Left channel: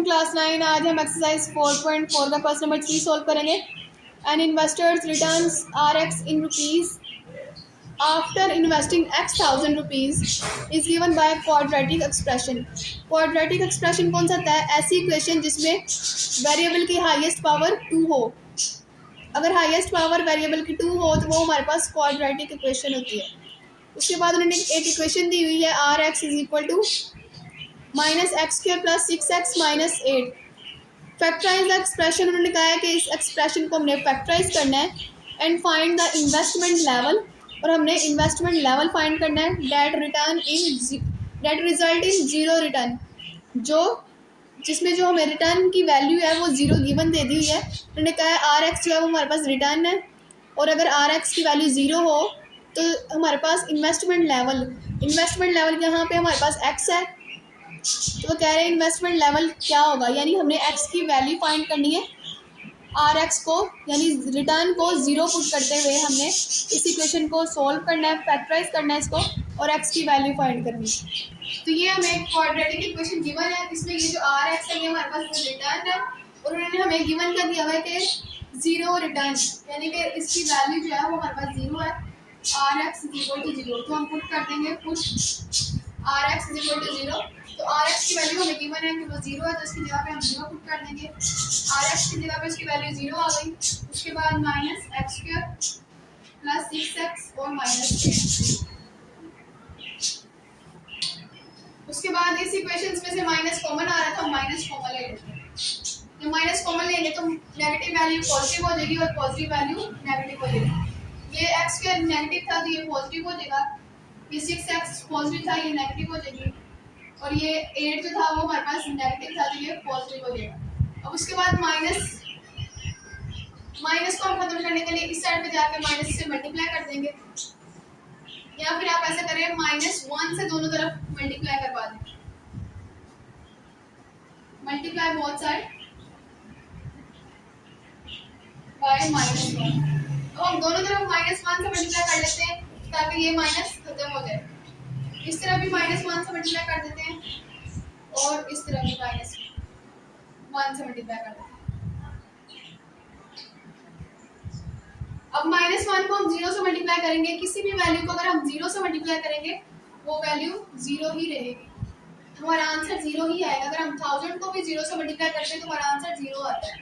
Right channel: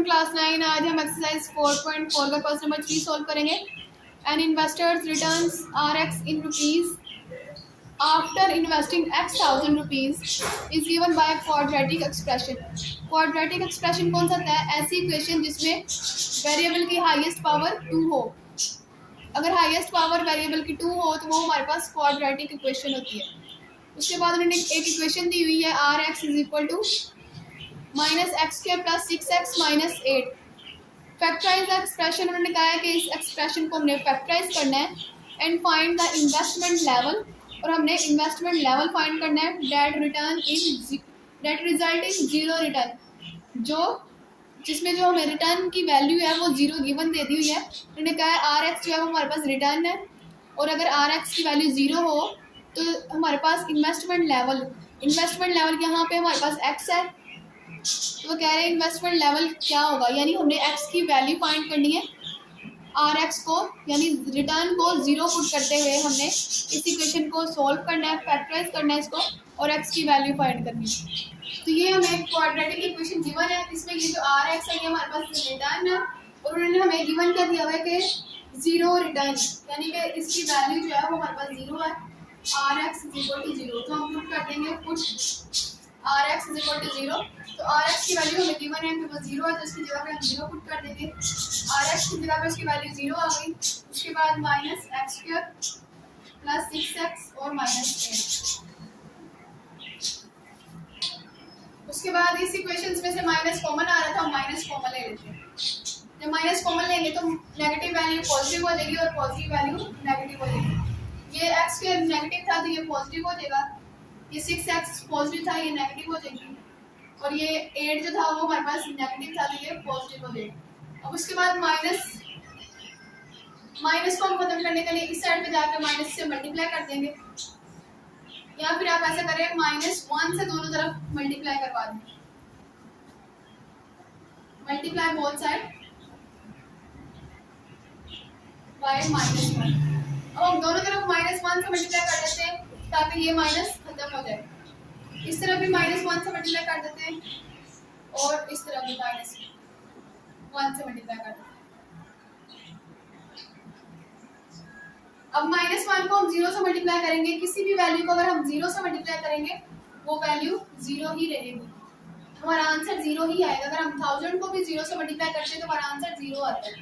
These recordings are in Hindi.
Welcome class 9। आज हम एक्सरसाइज 4.4 का क्वेश्चन नंबर 3 सॉल्व करेंगे। An investor's returns are X in rupees after investing X thousand rupees is given by quadratic expression. Quadratic expression कौन सा होता है? ऐसी इक्वेशन जिसमें वेरिएबल की हाईएस्ट पावर 2 हो। अगर हाईएस्ट पावर वेरिएबल की 2 हो तो वो हमारे पास क्वाड्रेटिक इक्वेशन होती है। उसके बाद उन्होंने एक इक्वेशन दी हुई है R X is equal to minus X square plus 6x minus 8। Factorise the expression. उन्होंने कहा है कि इस एक्सप्रेशन को हमने फैक्टराइज करना है and find the investment level, और हमने इन्वेस्टमेंट लेवल फाइंड करना है that result in zero return, जो जिसमें जो हमें रिटर्न की वैल्यू है वो जीरो गिवन दे दी हुई है। उन्होंने कहा है आर एक्स जो है वो हमारे पास रिटर्न है, और अगर आर एक्स की वैल्यू ज़ीरो हो तो हमारे पास इन्वेस्टमेंट लेवल यहाँ पे हमारे पास एक्स है, तो वो कह रहे हैं इन्वेस्टमेंट लेवल क्या होगा, यानी हमने एक्स की वैल्यू फाइंड करनी है। आर एक्स को यानी रिटर्न को जीरो पुट करते हुए हमने इस इक्वेशन को सॉल्व करना है, फैक्टराइज करना है इसको, और एक्स की वैल्यू फाइंड करनी है। तो ये हमें क्वाड्रेटिक इक्वेशन गिवन है, इसमें ये जो आर एक्स है ये हमारे पास रिटर्न है, और उन्होंने हमें गिवन क्या दिया हुआ है कि जीरो रिटर्न, यानी कि इसकी वैल्यू जो है वो हमारे पास जीरो है। R X is equal to zero, तो हम पुट कर देंगे put R X is equal to zero. तो आर एक्स की वैल्यू हमें गिवन है कि वो जीरो है, तो इसकी जगह पे हम जीरो पुट कर देंगे। आर एक्स की जगह पे इसकी वैल्यू जीरो आ गई। उसके बाद minus X square plus 6x और माइनस 8। उसके बाद इस इक्वेशंस में से माइनस कॉमन आ रहा था, हम माइनस कॉमन ले लेते हैं। जब माइनस कॉमन लेंगे तो नेगेटिव वैल्यू पॉजिटिव हो जाएगी और पॉजिटिव वैल्यू नेगेटिव हो जाएगी। ये एक्स स्क्वायर नेगेटिव था तो ये पॉजिटिव हो जाएगा, ये 6x पॉजिटिव था ये नेगेटिव हो जाएगी, और ये 8 जो था वो हमारे पास नेगेटिव था तो ये पॉजिटिव हो जाएगा। अब उसके बाद माइनस को हम खत्म करने के लिए इस साइड पे जाकर माइनस से मल्टीप्लाई कर देंगे, या फिर आप ऐसा करें -1 से दोनों तरफ मल्टीप्लाई करवा दें, मल्टीप्लाई बोथ साइड बाय -1। अब हम दोनों तरफ -1 से मल्टीप्लाई कर लेते हैं ताकि ये माइनस खत्म हो जाए। इस तरफ भी -1 से मल्टीप्लाई कर देते हैं, और इस तरफ भी -1 से मल्टीप्लाई कर देते हैं। अब -1 को हम 0 से मल्टीप्लाई करेंगे, किसी भी वैल्यू को अगर हम 0 से मल्टीप्लाई करेंगे वो वैल्यू 0 ही रहेगी, हमारा आंसर 0 ही आएगा। अगर हम 1000 को भी 0 से मल्टीप्लाई करते हैं तो हमारा आंसर 0 आता है।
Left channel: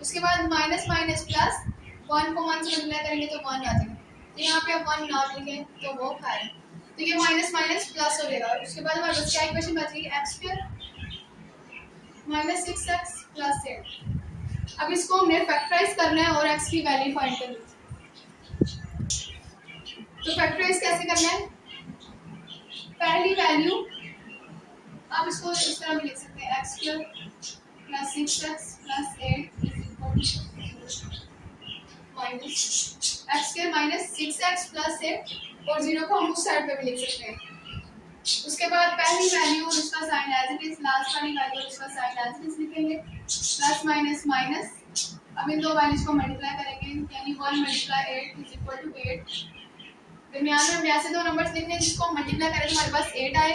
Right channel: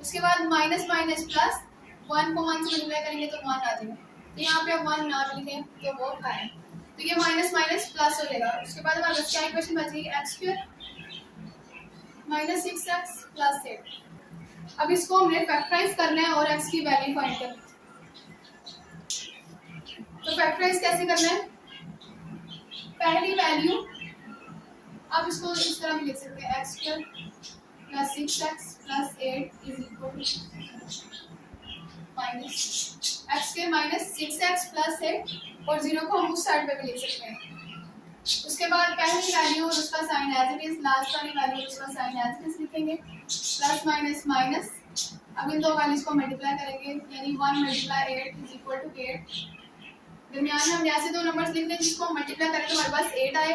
उसके बाद माइनस माइनस प्लस 1 को 1 से मल्टीप्लाई करेंगे तो 1 आ जाएगा, तो यहाँ पे 1 ना लिखें तो वो है, तो ये माइनस माइनस प्लस हो जाएगा। उसके बाद हमारे पास क्या इक्वेशन बच रही है, x square minus 6x plus 8। अब इसको हमने फैक्टराइज करना है और x की वैल्यू फाइंड करनी है। तो फैक्टराइज कैसे करना है, पहली वैल्यू आप इसको इस तरह भी लिख सकते हैं, X square plus 6x plus 8 is equal to minus X square minus 6x plus 8, और 0 को हम उस साइड पे भी लिख सकते हैं। उसके बाद पहली वैल्यू और उसका sign as it is, last वाली वैल्यू और उसका साइन एज इट इज लिखेंगे, प्लस माइनस माइनस। अब इन दो वैल्यूज को मल्टीप्लाई करेंगे, यानी 1 मल्टीप्लाई 8 इज इक्वल टू 8। दरमियान में हम ऐसे दो नंबर्स लिखने हैं जिसको हम मल्टीप्लाई करें तो हमारे पास 8 आए।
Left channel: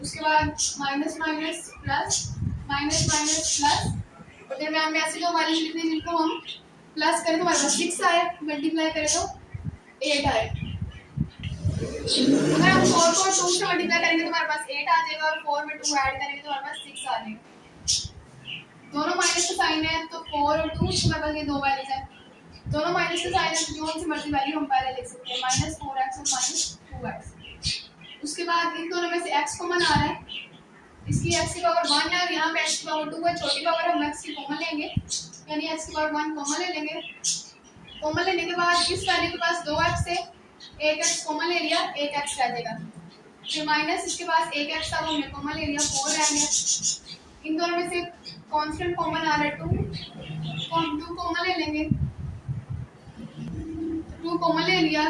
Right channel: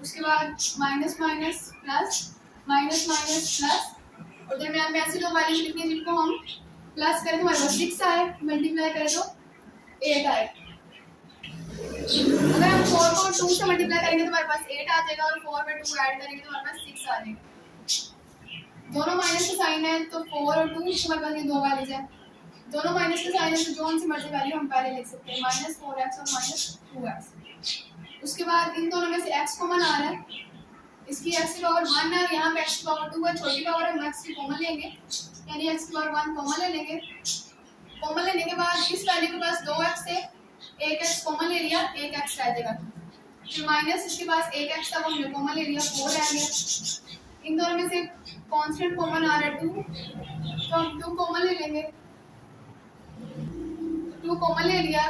उसके बाद minus minus plus minus minus plus, और दरमियान में ऐसे दो वैल्यूज लिखने हैं जिनको हम प्लस करें तो हमारे पास 6 आए, मल्टीप्लाई करें तो 8 आए। अगर हम 4 को 2 से मल्टीप्लाई करेंगे तो हमारे पास 8 आ जाएगा, और 4 में 2 ऐड करेंगे तो हमारे पास 6 आ जाएगा। दोनों माइनस का साइन है तो 4 और 2 हमारे पास ये दो वैल्यूज हैं, दोनों माइनस का साइन है तो जो से मर्जी वैल्यू हम पहले लिख सकते हैं, -4x और -2x। उसके बाद इन दोनों में से x कॉमन आ रहा है, इसकी x की पावर 1 है और यहाँ पे x की पावर 2 है, छोटी पावर हम x की कॉमन लेंगे, यानी x की पावर 1 कॉमन ले लेंगे। कॉमन लेने के बाद इस वैल्यू के पास 2x है, एक x कॉमन ले लिया, एक x रह जाएगा, फिर माइनस इसके पास एक x था वो हमने कॉमन ले लिया, 4 रह गया। इन दोनों में से कांस्टेंट कॉमन आ रहा है 2, तो हम 2 कॉमन ले लेंगे, 2 कॉमन ले लिया।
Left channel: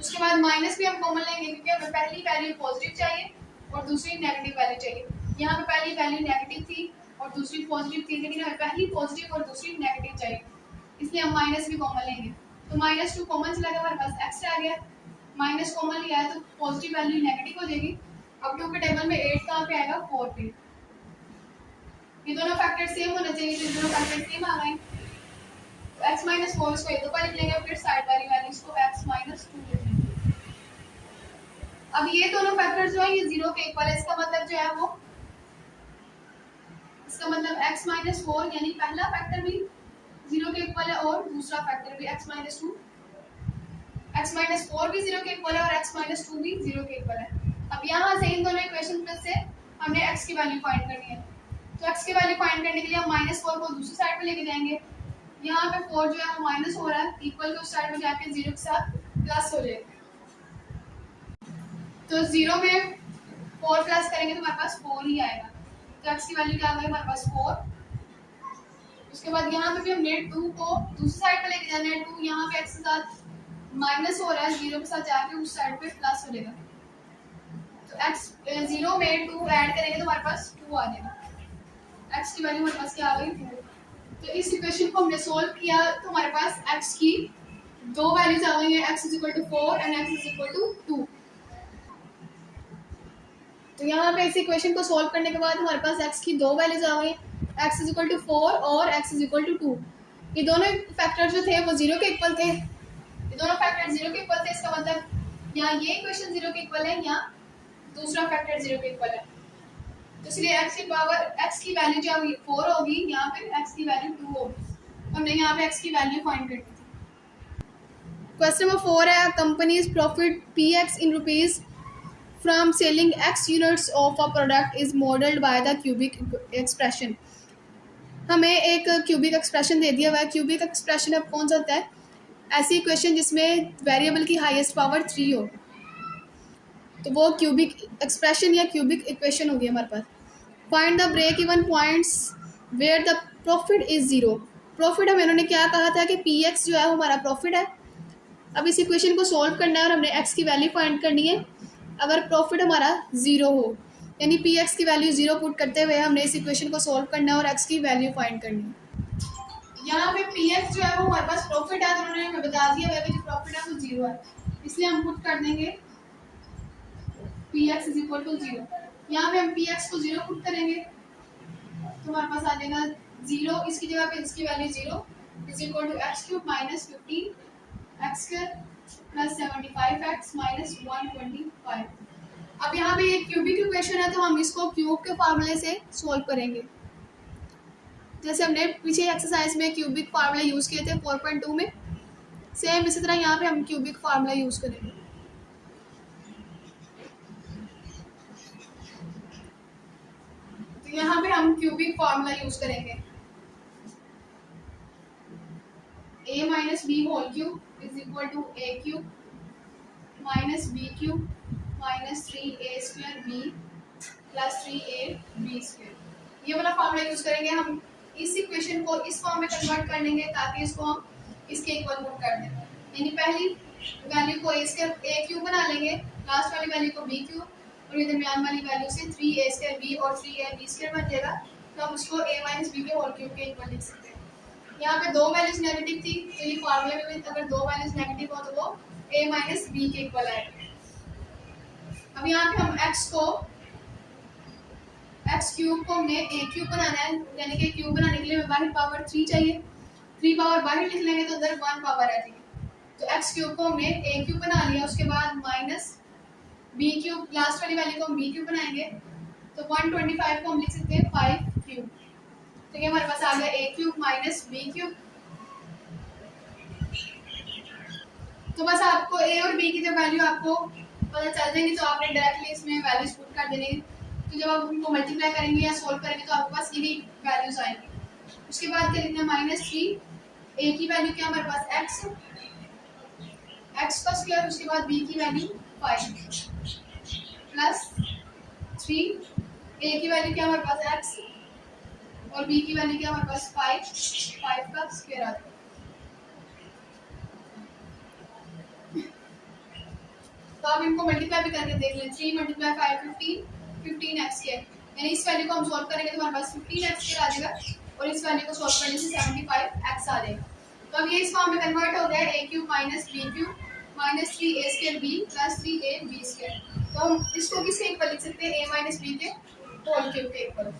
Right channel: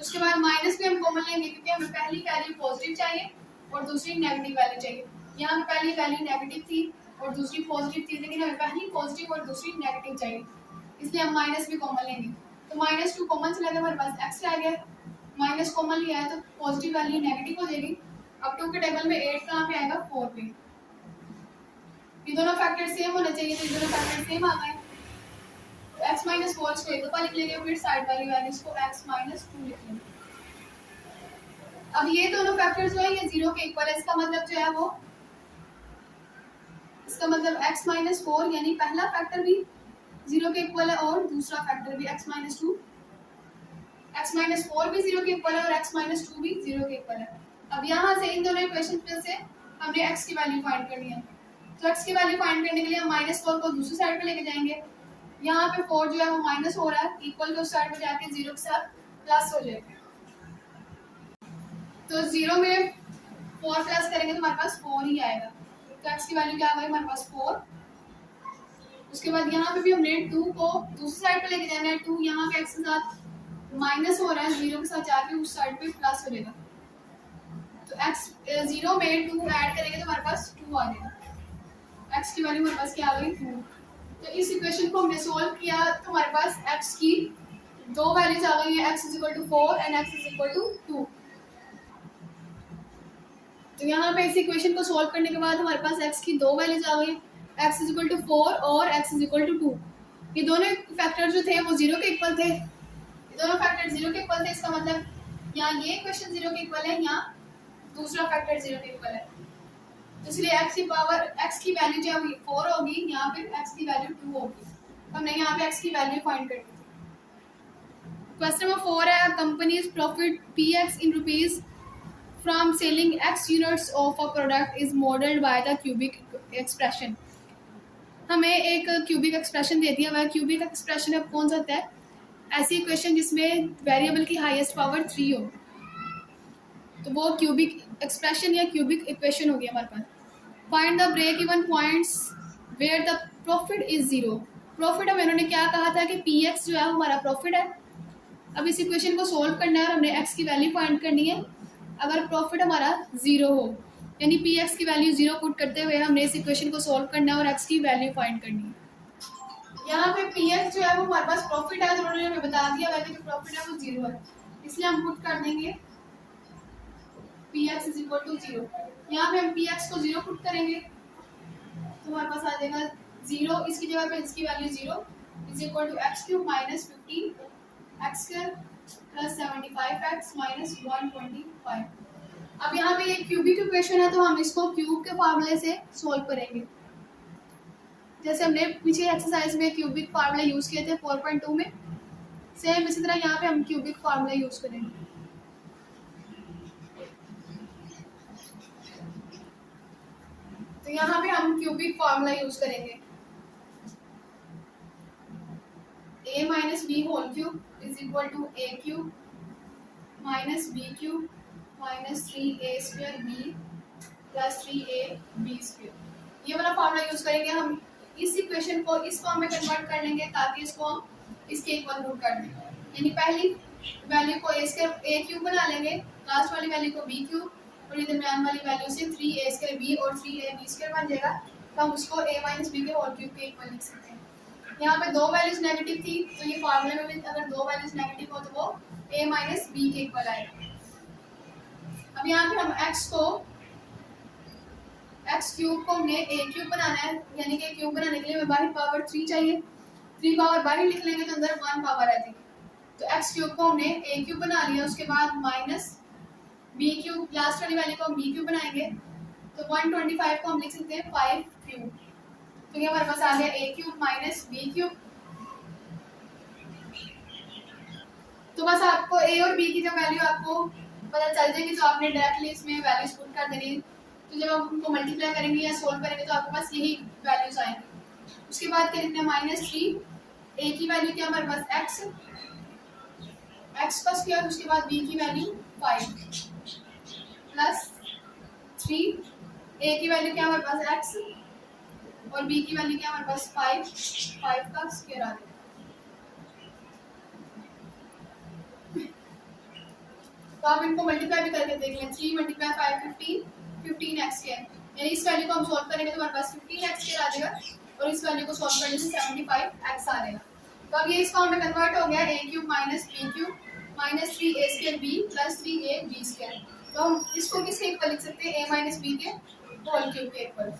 उसके बाद माइनस भी हम कॉमन लेंगे क्योंकि हमें पहली वैल्यू पॉजिटिव चाहिए और दूसरी नेगेटिव वैल्यू चाहिए। यहाँ पे पहली वैल्यू नेगेटिव थी और दूसरी पॉजिटिव थी, लेकिन हमें पहली पॉजिटिव और दूसरी नेगेटिव चाहिए, इसलिए हम माइनस भी कॉमन लेंगे। तो -2 कॉमन चला गया, हमारे पास x रह गया, माइनस कॉमन लिया है तो पॉजिटिव वैल्यू नेगेटिव हो जाएगी। अब 2 के टेबल में 8 कहाँ पे आएगा, 4 पे। ये दोनों फैक्टर सेम होने चाहिए, तो ये दोनों फैक्टर सेम आ गए। तो x माइनस फोर इसको एक दफा लिख लेंगे, फिर साइड वाली वैल्यूज को x माइनस टू लिख लेंगे। अब ये दोनों फैक्टर जो है ये जीरो के इक्वल है, इसका मतलब जो है वो, इसका मतलब x माइनस फोर यानी पहला फैक्टर भी जीरो के इक्वल है और दूसरा फैक्टर भी x minus two, x minus four भी जीरो के इक्वल है और x माइनस टू भी जीरो के इक्वल है। अब यहाँ से इन दोनों इक्वेशन में से हमने x की वैल्यू फाइंड करनी है, तो x की वैल्यू फाइंड करने के लिए हम माइनस फोर को दूसरी साइड पे लेके जाएंगे। यहाँ पे फोर जो है वो माइनस हो रहा है, इक्वल के उस साइड पे जाके जीरो के साथ प्लस हो जाएगा। तो जीरो में फोर प्लस करेंगे तो हमारे पास फोर ही आएगा, तो x की वैल्यू क्या आ गई हमारे पास फोर। उसके बाद यहाँ पे भी हमने टू को दूसरी साइड पे लेके जाना है, टू यहाँ पे x के साथ माइनस हो रहा है, जीरो के साथ जाके उस साइड पे प्लस हो जाएगा। तो x जीरो में टू ऐड करेंगे तो हमारे पास टू आ जाएगा, x की वैल्यू हमारे पास क्या आ गई टू। तो इस इक्वेशन को हमने सोल्व किया तो हमारे पास x की दो वैल्यूज आ गई हैं, x is equal to four and x is equal to two. तो यहाँ पे इस इक्वेशन को सोल्व करने के बाद हमारे पास x की दो वैल्यूज आ गई हैं, x is equal to four और x is equal to two. ये दोनों फैक्टर जो थे वो जीरो के इक्वल थे, ये दोनों फैक्टर जीरो के इक्वल थे, इसका मतलब यहाँ ये इक्वेशन जीरो के इक्वल है, यहाँ दूसरा फैक्टर जीरो के इक्वल है। तो इसलिए x की पावर x की वैल्यू जो है वो फोर होगी, यहाँ पे x की वैल्यू टू होगी, तो हमने यहाँ पे x की वैल्यू फाइंड करनी थी। क्वेश्चन नंबर 4 है, companies profit px in rupees from selling x units of a product is modelled by the cubic expression. हमें एक क्यूबिक एक्सप्रेशन दे दिया हुआ है। क्यूबिक एक्सप्रेशन अब कौन सा होता है, ऐसी इक्वेशन जिसमें वेरिएबल की हाईएस्ट पावर 3 हो, तो वो क्यूबिक एक्सप्रेशन या क्यूबिक इक्वेशन होगी हमारे पास। Find the break even points where the profit is zero. Profit हमें इन्होंने क्या कहा था कि पी एक्स जो है वो हमारा प्रॉफिट है। अब इस इक्वेशन को सोल्व करना है और हमने एक्स की वैल्यू फाइंड करनी है अगर प्रॉफिट हमारा जीरो हो, यानी पी एक्स की वैल्यू जीरो पुट करते हुए हमने इस इक्वेशन को सोल्व करना है और एक्स की वैल्यू फाइंड करनी है। यहाँ पे पी एक्स जो है वो हमारे पास प्रॉफिट है, तो उन्होंने हमें बता दिया है कि जो प्रॉफिट है वो जीरो है, इसलिए हम पुट कर देंगे P X is equal to zero. यहाँ पे हम पी एक्स को जीरो पुट करेंगे तो हमारे पास आ जाएगा जीरो, इसकी जगह पे इसकी value zero is equal to X cube minus 15 X square plus 75x minus 125। अब यहाँ पे ये क्यूबिक इक्वेशन है तो हम इसको क्यूब के फार्मूले से सोल्व करेंगे, जैसे हमने पीछे एक्सरसाइज में क्यूबिक फार्मूला यूज किए थे 4.2 में, सेम इसी तरह यहाँ पे हम क्यूबिक फार्मूला यूज करेंगे। तो यहाँ पे हम क्यूबिक फार्मूला यूज करेंगे, a minus B whole cube is equal to A cube minus B cube minus 3a square B plus 3ab square, ये वाला फार्मूला यूज करेंगे। हम इस इक्वेशन को इस फॉर्म में कन्वर्ट कर लेंगे ताकि इसको हम इसके इक्वल पुट कर दें, यानी पहली वैल्यू को ए क्यूब बना लेंगे, लास्ट वाली वैल्यू को बी क्यूब और ये दरमियान वाली वैल्यू से 3a स्क्वायर बी और 3ab स्क्वायर बन जाएगा, तो हम उसको a माइनस बी के होल क्यूब के इक्वल लिख सकते हैं। यहाँ पे दो वैल्यूज नेगेटिव थी तो ये फार्मूले में भी अगर दो वैल्यूज नेगेटिव हो तो वो a माइनस बी के इक्वल आएगा। अब यहाँ पे हम x क्यूब को हमने a क्यूब बनाना है, यानी कि क्यूब बनाने के लिए हमें बाहर पावर 3 चाहिए, 3 पावर बाहर लिख लेंगे तो अंदर 1 पावर आ जाएगी। तो x क्यूब को हमने a क्यूब बना लिया, उसके बाद माइनस बी क्यूब, लास्ट वाली वैल्यू को हम बी क्यूब बनाएंगे तो 125 को हम लिख सकते हैं 5 क्यूब, तो ये हमारे पास आ गया a cube minus B cube. तो बस आपको a और b की जब वैल्यू आपको पता चल जाएगी तो आपने डायरेक्टली इसमें वैल्यूज पुट कर देनी, तो जब आप उनको मल्टीप्लाई करेंगे या सोल्व करेंगे तो आपके पास यही वैल्यूज आएंगी। उसके बाद क्या लिखना है -3, a की वैल्यू क्या हमारे पास x का स्क्वायर, उसके बाद b की वैल्यू 5 प्लस 3, a की वैल्यू क्या हमारे पास x और b की वैल्यू क्या हमारे पास 5 का स्क्वायर आ जाएगा। तो आप इनको मल्टीप्लाई भी करके देख लें, 3 × 5 15x स्क्वायर, यानी इस वैल्यू को हम सॉल्व करेंगे तो हमारे पास 15x स्क्वायर आ जाएगा और इस वैल्यू को सॉल्व करने से 75x आ जाएगा। तो अब ये इस फॉर्म में कन्वर्ट हो गया a cube minus B cube minus 3a square B plus 3ab square, तो हम इसको किसके इक्वल लिख सकते हैं a माइनस बी के होल क्यूब के इक्वल।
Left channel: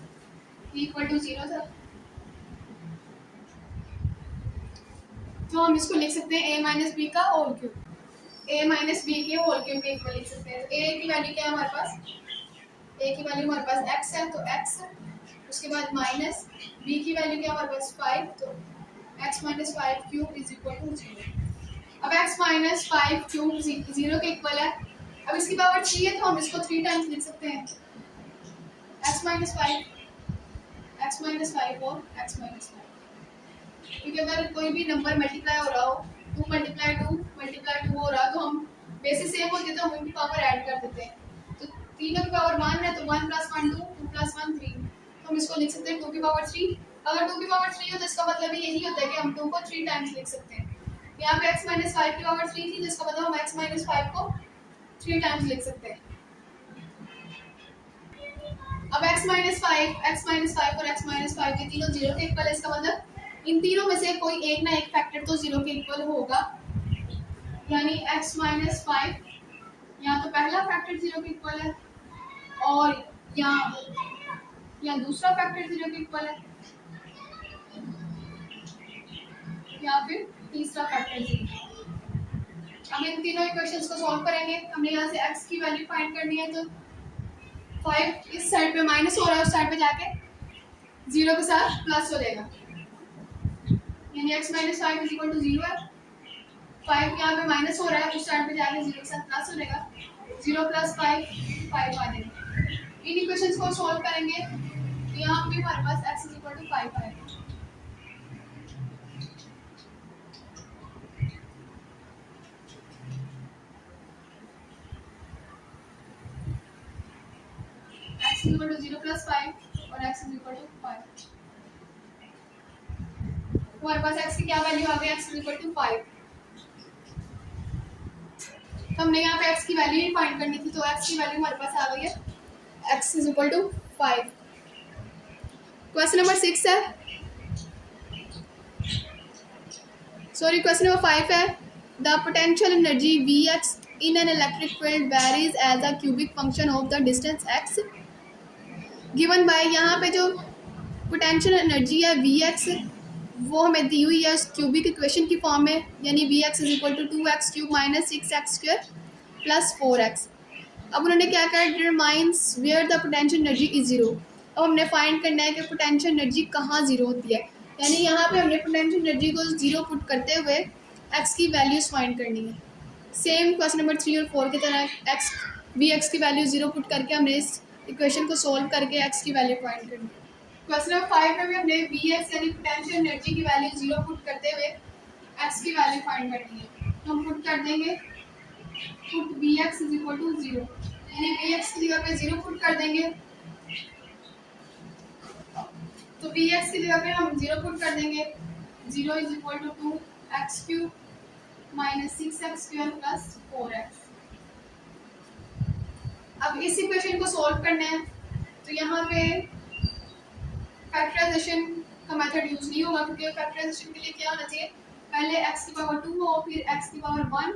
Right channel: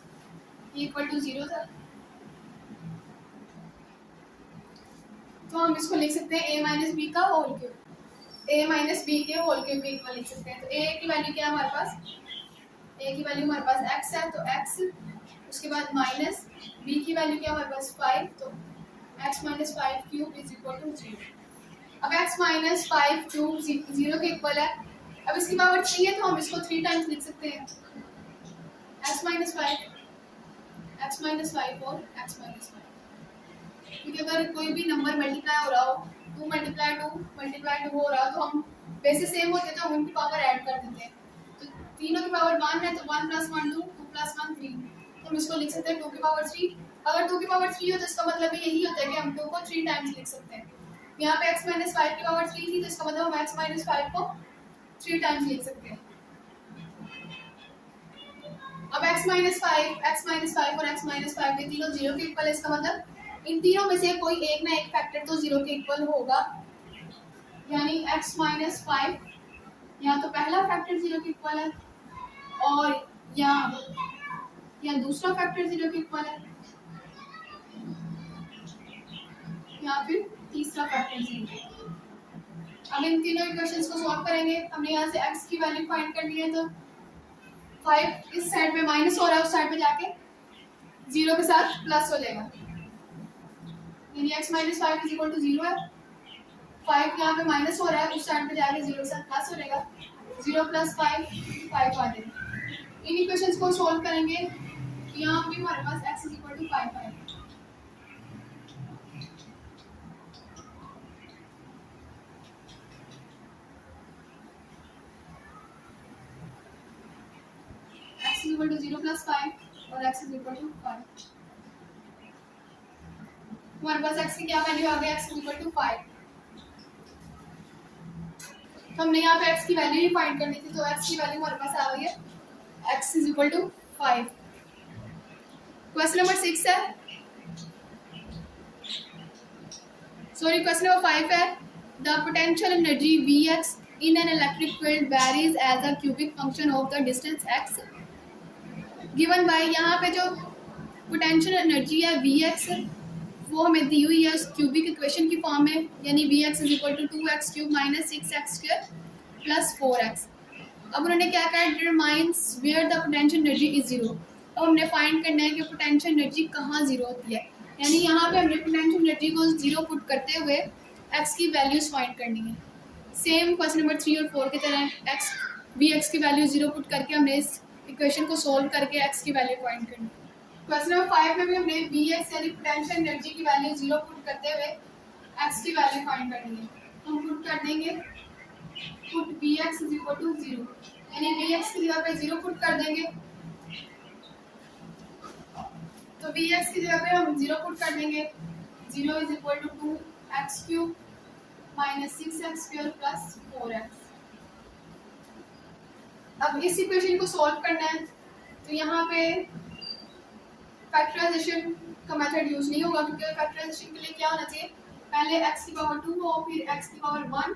इक्वल टू 0 था, तो हम इसको लिख सकते हैं a माइनस बी का whole cube, a minus B के होल क्यूब के इक्वल लिख सकते हैं। तो a की वैल्यू क्या है हमारे पास, a की वैल्यू हमारे पास x है, तो x, उसके बाद माइनस b की वैल्यू क्या हमारे पास 5, तो x minus 5 cube is equal to 0। अब x माइनस 5 क्यूब 0 के इक्वल है। अब इसकी पावर 3 है तो हम इसको 3 टाइम्स लिख सकते हैं, x माइनस 5, x माइनस 5 और x माइनस 5, क्योंकि अगर कोई भी नंबर मल्टीप्लाई हो रहा हो, 2 मल्टीप्लाई 2 हो रहा हो, तो हम बेसिस सेम होते तो हम उनकी पावर ऐड कर देते हैं। तो तीनों की पावर 1 है, तो 1 प्लस 1 2, 2 प्लस 1 3, तो हम इसको लिख सकते हैं 2 की पावर 3। अगर 2 की पावर 3 हो तो इसका मतलब यही होता है कि हम 2 को 3 टाइम्स लिख सकते हैं। यहाँ पे x माइनस 5 की पावर 3 थी, तो इसका मतलब हम x माइनस 5 को 3 टाइम्स लिख सकते हैं। अब x माइनस 5 और x माइनस 5 के तीनों 0 के इक्वल है, इसका मतलब इन तीनों में से कोई एक ना एक फैक्टर तो 0 के इक्वल होगा, यानी x माइनस 5 या तो पहला फैक्टर 0 के इक्वल है, और या दूसरा फैक्टर 0 के इक्वल है, या फिर तीसरा फैक्टर 0। अब इन तीनों इक्वेशंस को सॉल्व करेंगे। हमने यहाँ से x की वैल्यू फाइंड करनी है, तो 5 इस साइड पे माइनस हो रहा है, उस साइड पे जाके 0 के साथ प्लस हो जाएगा, यानी x minus 5 is equal to 0 है। 5 यहाँ पे माइनस हो रहा है, उस साइड पे जाके 0 के साथ प्लस हो जाएगा, 0 प्लस 5 5 आ जाएगा। इन इक्वेशंस को सॉल्व करेंगे तो यहाँ पे हमारे पास x इज इक्वल टू 5 आएगा। x is equal to 0 plus 5 और x इज इक्वल टू 5। हमारे पास x की क्या वैल्यू आ गई, x इज इक्वल टू 5। तो हमने यहाँ पे x की वैल्यू ही फाइंड करनी थी, तो x की वैल्यू हमारे पास आ गई है, x is equal to 5। Question number 6 है, सॉरी क्वेश्चन नंबर 5 है। The potential energy Vx in an electric field varies as a cubic function of the distance x given by, यहाँ पे जो पोटेंशियल एनर्जी है Vx वो हमें दी हुई है क्यूबिक इक्वेशन की फॉर्म में, यानी Vx is equal to 2x cube minus 6x square plus 4x। अब उन्होंने क्या कहा, determines where the potential energy is 0। अब हमने फाइंड करना है कि पोटेंशियल एनर्जी कहाँ 0 होती है, यानी यहाँ पे हमने पोटेंशियल एनर्जी को 0 पुट करते हुए x की वैल्यूज फाइंड करनी है। सेम क्वेश्चन नंबर 3 और 4 की तरह Vx की वैल्यू 0 पुट करके हमने इस इक्वेशन को सोल्व करके x की वैल्यू फाइंड करनी है। क्वेश्चन नंबर 5 में भी हमने Vx यानी पोटेंशियल एनर्जी की वैल्यू 0 पुट करते हुए x की वैल्यू फाइंड करनी है। तो हम पुट कर देंगे, put Vx is equal to 0, यानी Vx की जगह पे 0 पुट कर देंगे, तो Vx की जगह पे हम 0 पुट कर देंगे, 0 is equal to 2x cube minus 6x square plus 4x। अब इस इक्वेशन को सॉल्व करना है, तो यहाँ पे फैक्टराइजेशन का मेथड यूज नहीं होगा, क्योंकि फैक्टराइजेशन के लिए क्या होना चाहिए, पहले x की पावर 2 हो, फिर x की पावर 1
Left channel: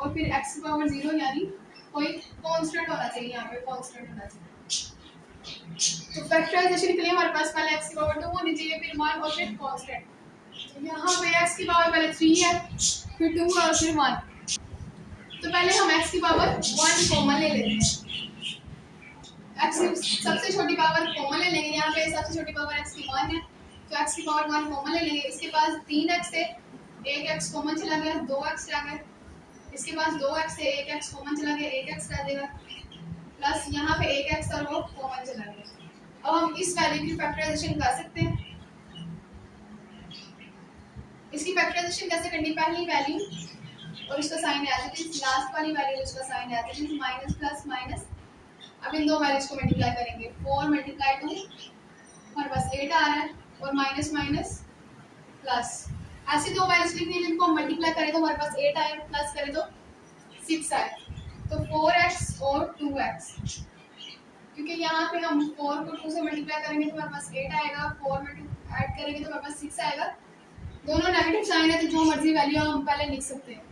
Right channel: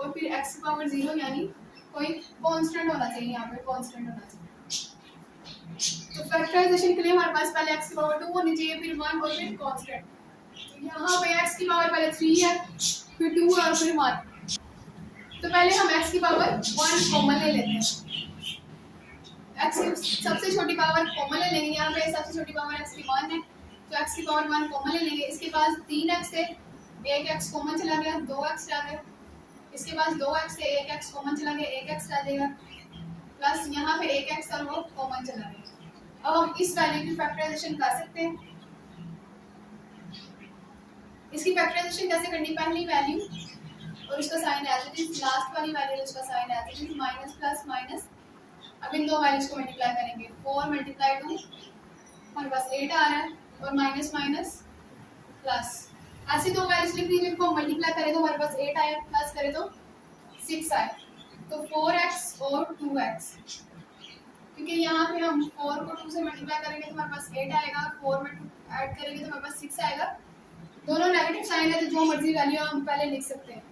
और फिर x की पावर 0, यानी कोई कांस्टेंट होना चाहिए, यहाँ पे कांस्टेंट होना चाहिए। तो फैक्टराइजेशन के लिए हमारे पास पहले x की पावर 2 होनी चाहिए, फिर 1 और फिर कांस्टेंट। तो यहाँ पे x की पावर पहले 3 है, फिर 2 और फिर 1। तो पहले हम x की पावर 1 कॉमन ले लेते हैं, x सबसे छोटी पावर कॉमन ले लेंगे, यहाँ पे सबसे छोटी पावर x की 1 है, तो x की पावर 1 कॉमन ले लेंगे। इसके पास 3x है, एक x कॉमन चला गया, 2x रह गया, इसके पास 2x है, एक x कॉमन चला गया, एक x रह जाएगा, प्लस यहाँ पे एक x और वो कॉमन चला गया। अब हम इस वैल्यू की फैक्टराइजेशन कर सकते हैं। इसकी फैक्टराइजेशन कैसे करनी, पहली वैल्यू और उसका sign as it is, last वाली वैल्यू उसका sign as it is, minus plus minus. अब इन दो वैल्यूज को मल्टीप्लाई करेंगे, 4 मल्टीप्लाई 2 हमारे पास 8 आ रहा है, और माइनस माइनस प्लस, ऐसी दो वैल्यूज लिखनी है जिनको मल्टीप्लाई करें तो हमारे पास 8 आए, प्लस करें तो 6 आए, तो 4x और 2x। क्योंकि यहाँ पे हम 4 को 2 से मल्टीप्लाई करेंगे तो हमारे पास 8 आएगा, 4 में 2 ऐड करेंगे तो हमारे पास 6 आएगा। दोनों नेगेटिव साइन है, तो जो मर्जी वैल्यू हम पहले लिख सकते हैं।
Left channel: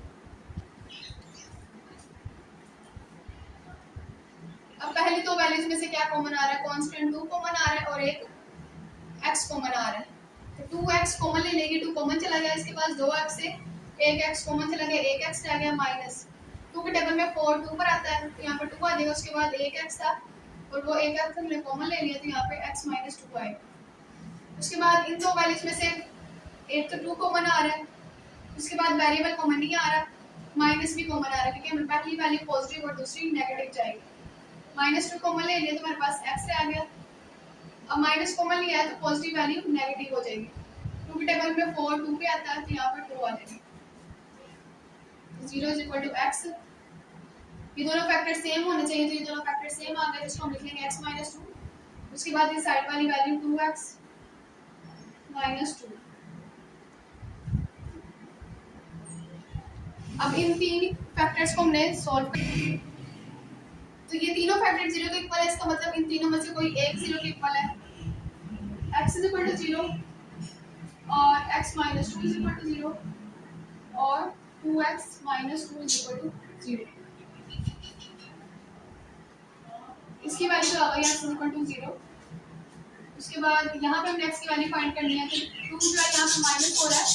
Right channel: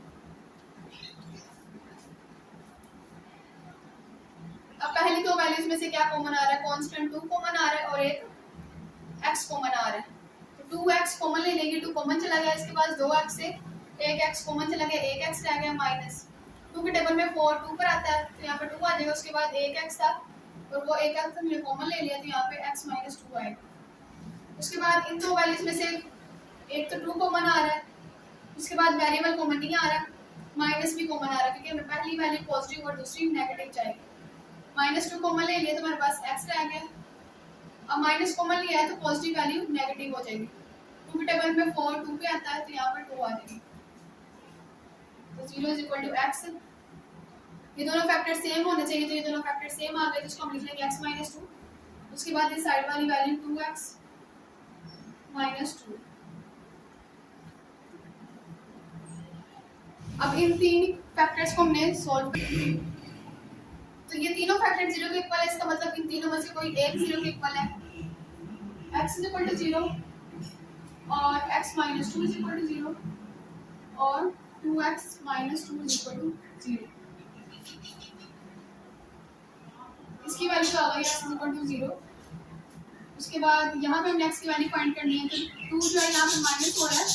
अब पहली दो वैल्यूज में से क्या कॉमन आ रहा है, कांस्टेंट 2 कॉमन आ रहा है और एक x कॉमन आ रहा है, तो 2x कॉमन ले लेंगे, 2 कॉमन चला गया, इसके पास 2x से 1x कॉमन चला गया, 1x रह गया माइनस 2 के टेबल में 4 2 पर आता है, तो यहाँ पे 2 आ जाएगा, उसके बाद 1x था और वो 1x हमने कॉमन ले लिया, तो यहाँ पे x माइनस 2 आएगा। उसके बाद इन दो वैल्यूज में से एक तो 2 कॉमन आ रहा है, उसके बाद वेरिएबल कॉमन नहीं आ रहा, माइनस भी कॉमन आ रहा है, क्योंकि हमें पहली वैल्यू पॉजिटिव और दूसरी नेगेटिव चाहिए। -2 कॉमन ले लिया तो हमारे पास x रह गया, अब माइनस कॉमन लिया है तो पॉजिटिव वैल्यू नेगेटिव हो जाएगी। 2 के टेबल में 4 2 पे आता है, तो यहाँ पर 2 आ जाएगी, तो 0 इज इक्वल टू x। ये दोनों फैक्टर सेम होने चाहिए, तो ये दोनों फैक्टर सेम आ गए, जिसको हम लिख लेंगे x माइनस 2। उसके बाद ये साइड वाली वैल्यू 2x माइनस 2। अब इन तीन फैक्टर्स को हमने सॉल्व कर, तो ये तीनों फैक्टर 0 के इक्वल है, इसका मतलब इन तीनों में से कोई एक 0 के इक्वल है। x इज इक्वल टू 0 और x minus 2 is equal to 0 और 2x minus 2 is equal to 0। इसकी वैल्यू आ गई x इज इक्वल टू 0। उसके बाद यहाँ पे हमने x की वैल्यू फाइंड करनी है, तो 2 जो है यहाँ पे माइनस हो रहा है,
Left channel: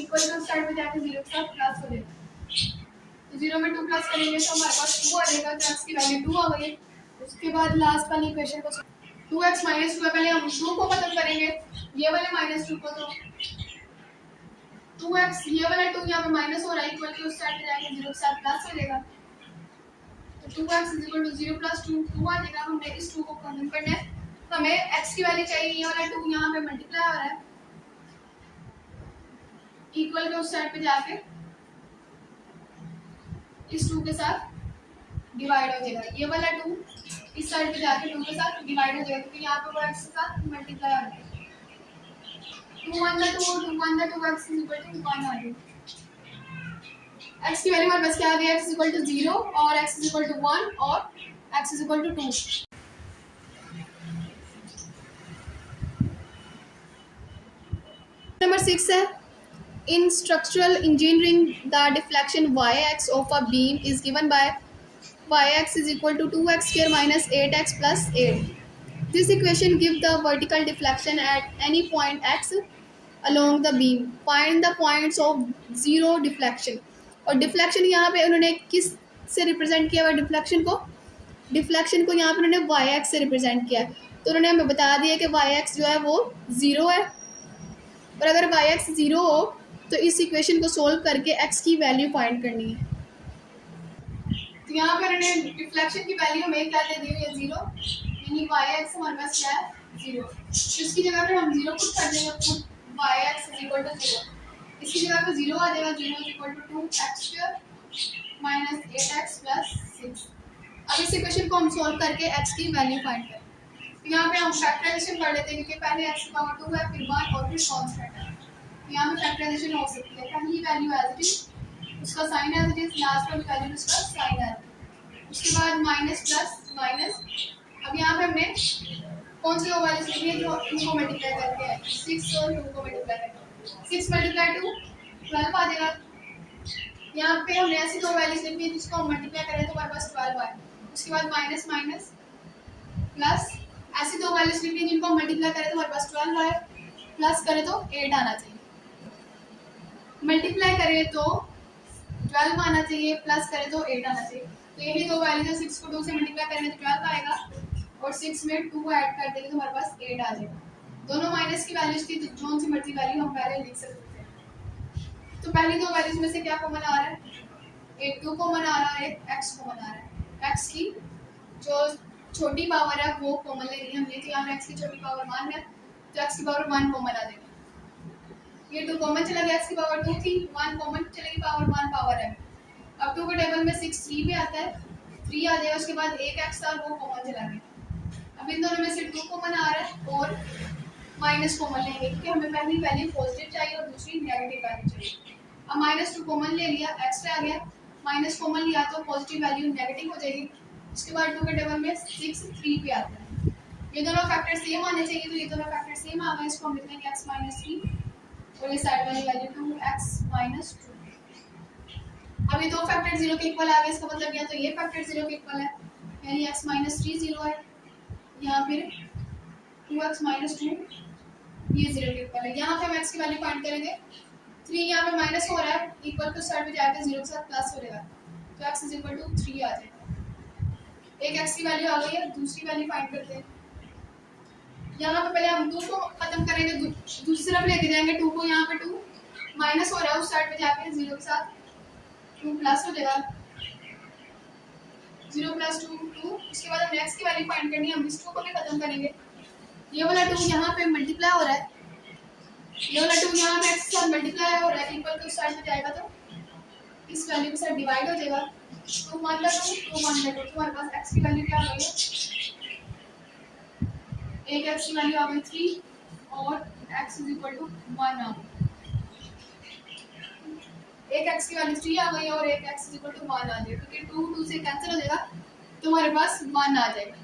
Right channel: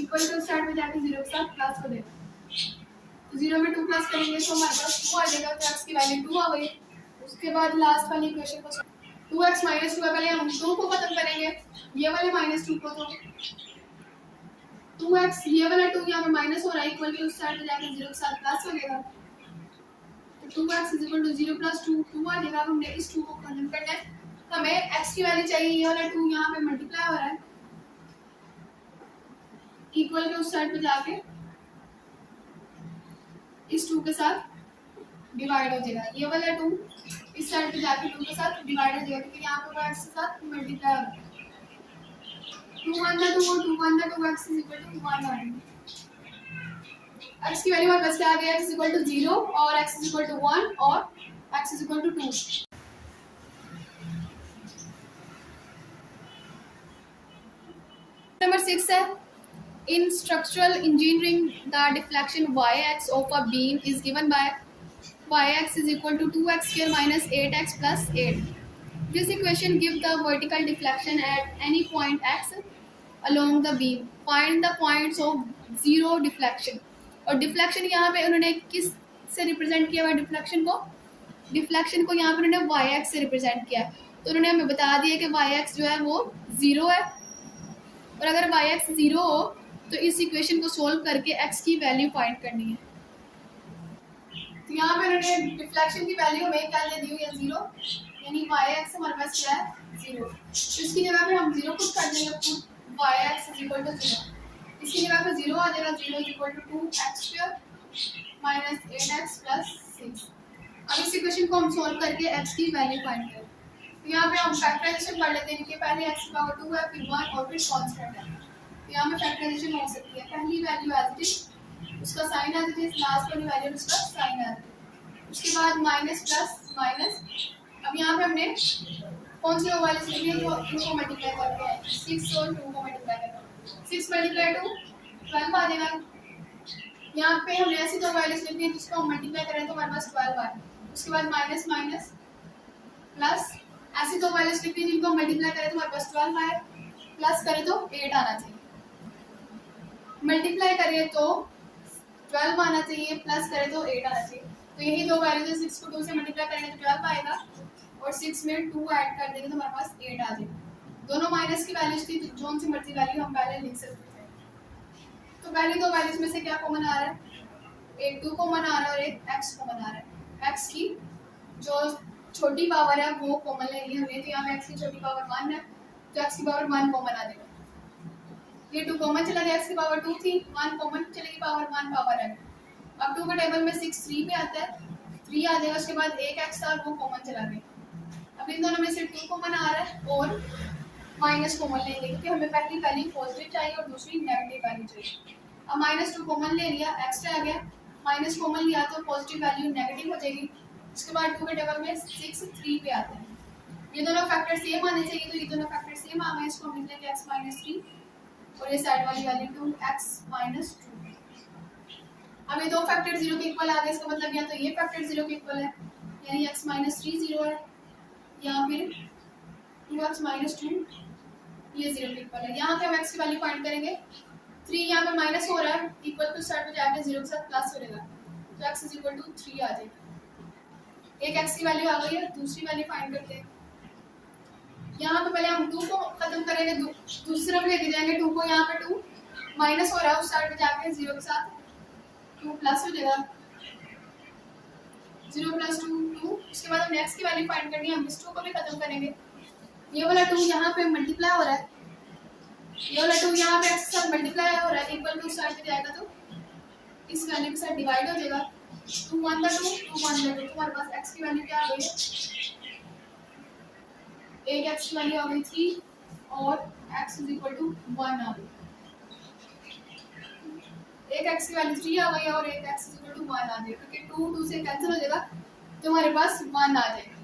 इक्वल टू साइड पे जाके 0 के साथ प्लस हो जाएगा, तो 0 में 2 प्लस करेंगे तो हमारे पास 2 आ जाएगा, तो x की वैल्यू 2 आ गई। उसके बाद लास्ट वाली इक्वेशन को 2x माइनस 2 का पहले हम 2 को खत्म करेंगे, ये वाले -2 को, तो 2x ये वाला 2 यहाँ पे माइनस हो रहा है, इक्वल टू उस साइड पे जाके 0 के साथ प्लस हो जाएगा, तो 2x is equal to 0 plus 2 2 आ जाएगा। हमने इस 2 को खत्म करना है, हमें x की वैल्यू चाहिए, ये वाला 2 यहाँ पे मल्टीप्लाई हो रहा है, इक्वल के उस साइड पे जाके इस 2 के साथ डिवाइड हो जाएगा, ये वाला 2 इस साइड पे जाके 2 के साथ डिवाइड हो जाएगा, क्योंकि यहाँ पे वो x के साथ मल्टीप्लाई हो रहा है। 2 1 2 2 1 2 x इज इक्वल टू 1 आ जाएगा। x की वैल्यू हमारे पास क्या आ गई, x इज इक्वल टू 0 और x इज इक्वल टू 1 और x is equal to 2। Number 6 है, in structural engineering the deflection yx of a beam is given by yx is equal to 2x square minus 8x plus 8. This equation gives the vertical deflection at any point x along the beam. Find the points of zero deflection. और डिफ्लेक्शन यहाँ पे उन्होंने किस से रिप्रेजेंट किया हुआ डिफ्लेक्शन को, डिफ्लेक्शन को यहाँ पे उन्होंने yx से रिप्रेजेंट किया है, तो उन्होंने हमें बता दिया कि yx जो है वो 0 है, और अगर yx 0 हो तो इस इक्वेशन को सोल्व करके x की वैल्यू फाइंड करनी है। तो यहाँ पे उन्होंने डिफ्लेक्शन की वैल्यू हमें क्या दे दी हुई है 0, यानी yx हमारे पास क्या है 0, तो इसकी जगह पे हम 0 पुट कर देंगे, put yx is equal to 0, इसकी जगह पे 0 आ जाएगा, 0 is equal to 2x square minus 8x plus 6। अब इस इक्वेशन को हम सोल्व करके x की वैल्यू फाइंड करें, तो यहाँ पे हम फैक्टराइजेशन कर लेते हैं, क्योंकि पहले x की पावर 2 है, फिर 1 और फिर कांस्टेंट है, तो यहाँ पे फैक्टराइजेशन हो सकती है। पहली वैल्यू एज इट इज, उसका sign as it is, last वाली वैल्यू उसका साइन एज इट इज, उसके बाद माइनस प्लस माइनस। अब यहाँ पे हमने कौन सी दो वैल्यूज लिखी है, जो 2 को मल्टीप्लाई करके है, 6 और 2 को मल्टीप्लाई करके 6 मल्टीप्लाई 2 12 आ जाएगा। यहाँ पे हमने ऐसी दो वैल्यूज लिखी है जिसको हम मल्टीप्लाई करें तो हमारे पास 12 आए, उसके बाद माइनस माइनस प्लस, ऐसी दो वैल्यूज लिखी है जिनको हम मल्टीप्लाई करें तो हमारे पास 12 आए, प्लस करें तो 8 आना चाहिए, मल्टीप्लाई करें तो 12 आना चाहिए, प्लस करें तो 8 आना चाहिए। तो यही दो वैल्यूज है, 6 को 2 से मल्टीप्लाई करेंगे तो 12 आएगा, और 6 में 2 ऐड कर देंगे तो हमारे पास 8 आ जाएगा। दोनों माइनस की वैल्यूज थी, तो जोन सी मर्जी वैल्यू हम पहले लिख सकते थे। तो पहली दो वैल्यूज में से क्या कॉमन आ रहा है, एक 2 कॉमन आ रहा है और एक x कॉमन आ रहा है। x की जो छोटी पावर है वो कॉमन लेनी है हमने, तो यहाँ पे x की छोटी पावर 1 है, तो x की पावर 1 कॉमन आ जाएगा, ये 2 कॉमन चला गया, x की पावर 2 थी, 1 कॉमन चलेगी, पावर 1 पावर है। अब 2 के टेबल में 6 3 पे आता है, 3 आ जाएगा, उसके बाद एक x था वो कॉमन चला गया। अब इन दोनों में से 2 कॉमन आ रहा है और माइनस कॉमन लेंगे, क्योंकि हमें पहली वैल्यू पॉजिटिव चाहिए और दूसरी नेगेटिव वैल्यू चाहिए। अब -2 कॉमन ले लिया, एक्स्ट्रा आ गया, माइनस कॉमन लिया तो पॉजिटिव वैल्यू नेगेटिव हो जाएगी। उसके बाद 2 के टेबल में 6 3 पे आता है, ये दोनों फैक्टर सेम आने चाहिए, तो ये दोनों फैक्टर सेम आ गए, इसको हम लिख लेंगे x - 3 और ये साइड वाली वैल्यू 2x - 2। अब ये दो फैक्टर 0 के इक्वल आ गए, इसका मतलब या तो ये फैक्टर 0 के इक्वल है, यानी x - 3 0 है, यहाँ फिर 2x - 2 ये 0 के इक्वल है। यहाँ पे हम x की वैल्यू फाइंड करेंगे। 3 यहाँ पे माइनस हो रहा है, इक्वल टू स्टार्ट में जाके 0 के साथ प्लस हो जाएगा, तो x इज इक्वल टू 3 आ जाएगा। एक x की वैल्यू आ गई है, दूसरी वैल्यू फाइंड करते हैं। यहाँ पे पहले हम 2 को खत्म करेंगे, दूसरी तरफ लेके जाएंगे 2 को। यहाँ पे 2 माइनस हो रहा है, उस साइड में जाके 0 के साथ 2 प्लस हो जाएगा, 0 प्लस 2 2। उसके बाद हम x की वैल्यू फाइंड करनी है, हम इस 2 को भी खत्म करेंगे। ये वाला 2 यहाँ पे मल्टीप्लाई हो रहा है, ये वाला 2 यहाँ पे x के साथ मल्टीप्लाई हो रहा है, इक्वल टू साइड में जाएगा तो इस वैल्यू के साथ डिवाइड हो जाएगा। 2 1 बाय 2 2 1 बाय 2। तुम्हारे पास x की वैल्यू क्या आ गई है? एक x की वैल्यू आ गई 3 और x इज इक्वल टू 1 आ गई। एक x की वैल्यू 3 आ गई और एक x इज इक्वल टू 1 आ जाएगा, क्योंकि 2 2 से कैंसिल हो जाएगा, तुम्हारे पास 1 आ जाएगा।